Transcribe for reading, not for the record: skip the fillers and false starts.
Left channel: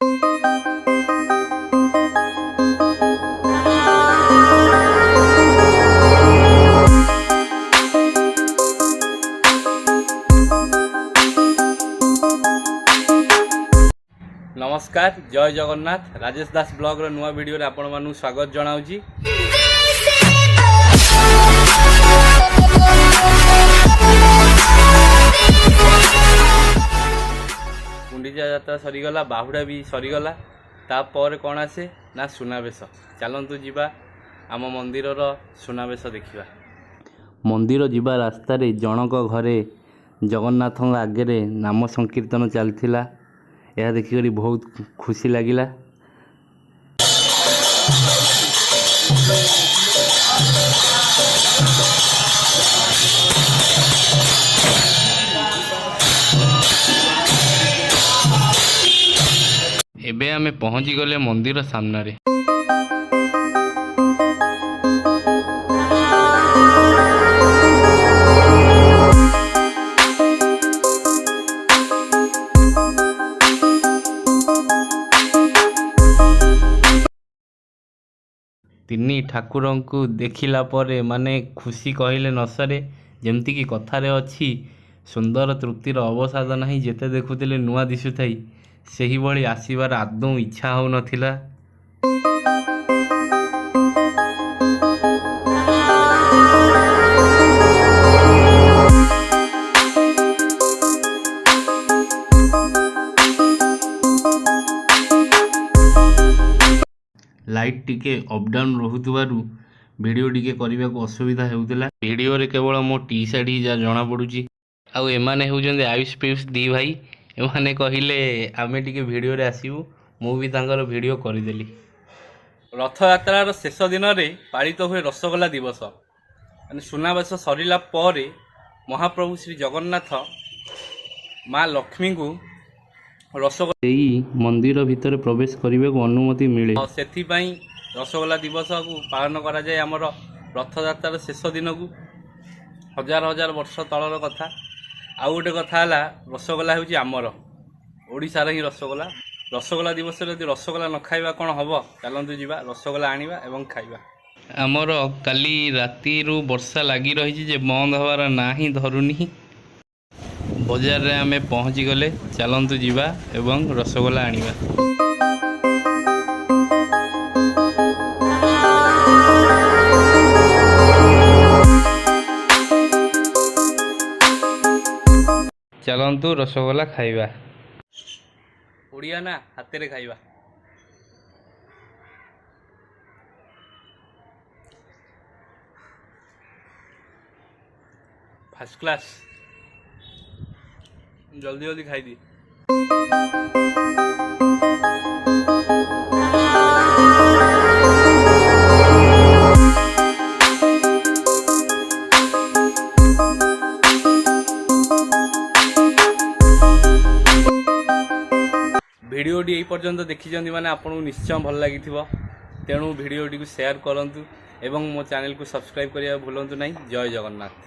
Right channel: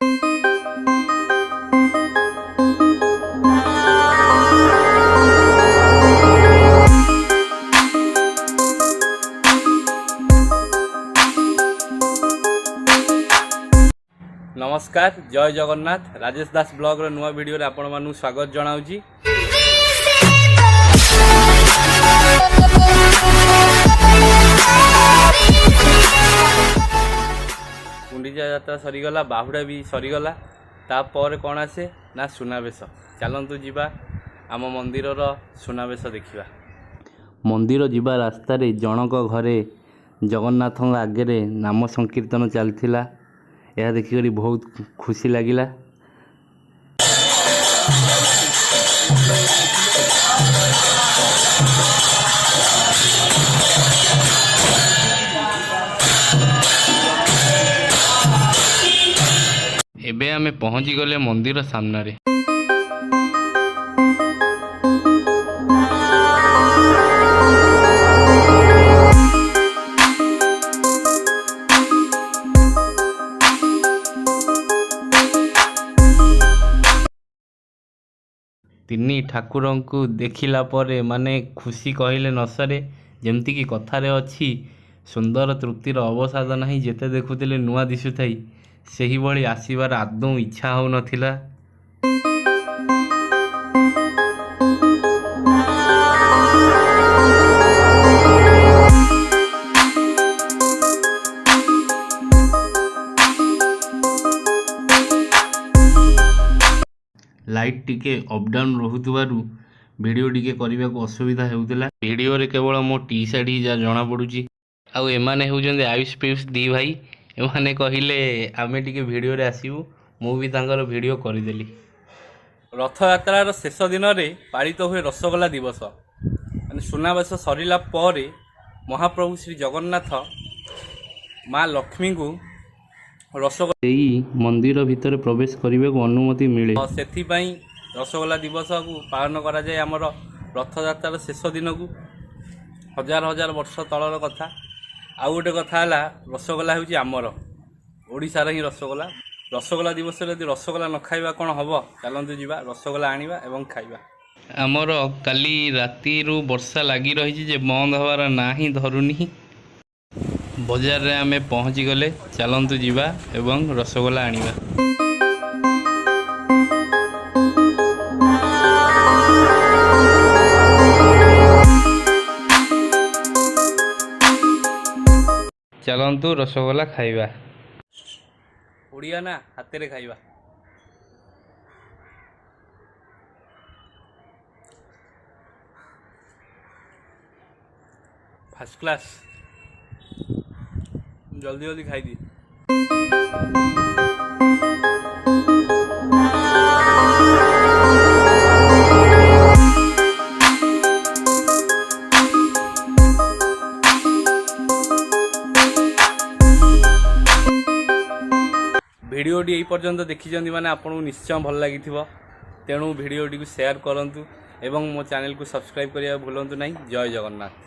नमस्कार, जय जगन्नाथ। राजेश दास ब्लॉग रो नुआ वीडियो रे आपण मानु स्वागत जनाउची। गुंडीचा यात्रा सरीगला, बाहुड़ा भी सरीगला। तापर कौन आसे ना सुनावेश। चलतु जीवा आम मंदिर सुनावेश देखा। मंदिर जीवा रास्तार जनक घरे जगन्नाथ आगे नाम संकीर्तन चलता। यह देखिक बहुत खुशी लगिला। एबे आमे पहुंची गले मंदिर सामने। तिनी ठाकुर को देखिला परे माने खुशी कहले न सरे। जेमती कि कथारे अछि, सुंदर तृप्तिर अवसाद नहीं। जेते देखुतिले नुआ दिसुथाई सेही भली आसीबार आदौ इच्छा हो नथिला। लाइट टिके अप डाउन रोहुतबारु वीडियो टिके करने को असुविधा होउतला। वीडियो रे केवल मो टी शर्ट ही जा जना पड़ुची। आउ एमाने होउजंदे आयुष पीयूष दी भाई। एमाने कहिले आमे टिके वीडियो रे आसीबु। मु भी तांकर वीडियो करिदेली। रथ यात्रार शेष दिन रे पालित हुए रसगोला दिवस। माने सुनावेश सरिला परे महाप्रभु श्री जगन्नाथ माँ लक्ष्मी को रसगोला मंदिर भितर प्रवेश करने को अनुमति मिले। से रसगोला दिवस को पालन करा जाए। आमर रथयात्रार शेष दिन को हजार हजार वर्ष तलर कथा। आउ गोटे कथा है, रसगोला हूँ आमर ओडिशार ही रसगोला। रसगोला दिवस यदि रसगोला न खाइबा कौन हम। चलतु जीवा रसगोला आनिबा एवं खाइबा। आमर काली राति वर्षा लगी रही जे बंद हबार ना ही धरुनी। बजार रे आमे पहुँची गले। चलतु जीवा एवं रसगोला आनिबा। चलतु रसगोला खाइबा। उड़िया ना हाथ रे खाइबा। First class. जल्दी जल्दी खाई दी। वीडियो टी पर्यंत देखी माने आपको निश्चय भल लगी। तेणु वीडियो टी को शेयर करंतु एवं मो चैनल को सब्सक्राइब करिया भूलंतु नहीं। जय जगन्नाथ।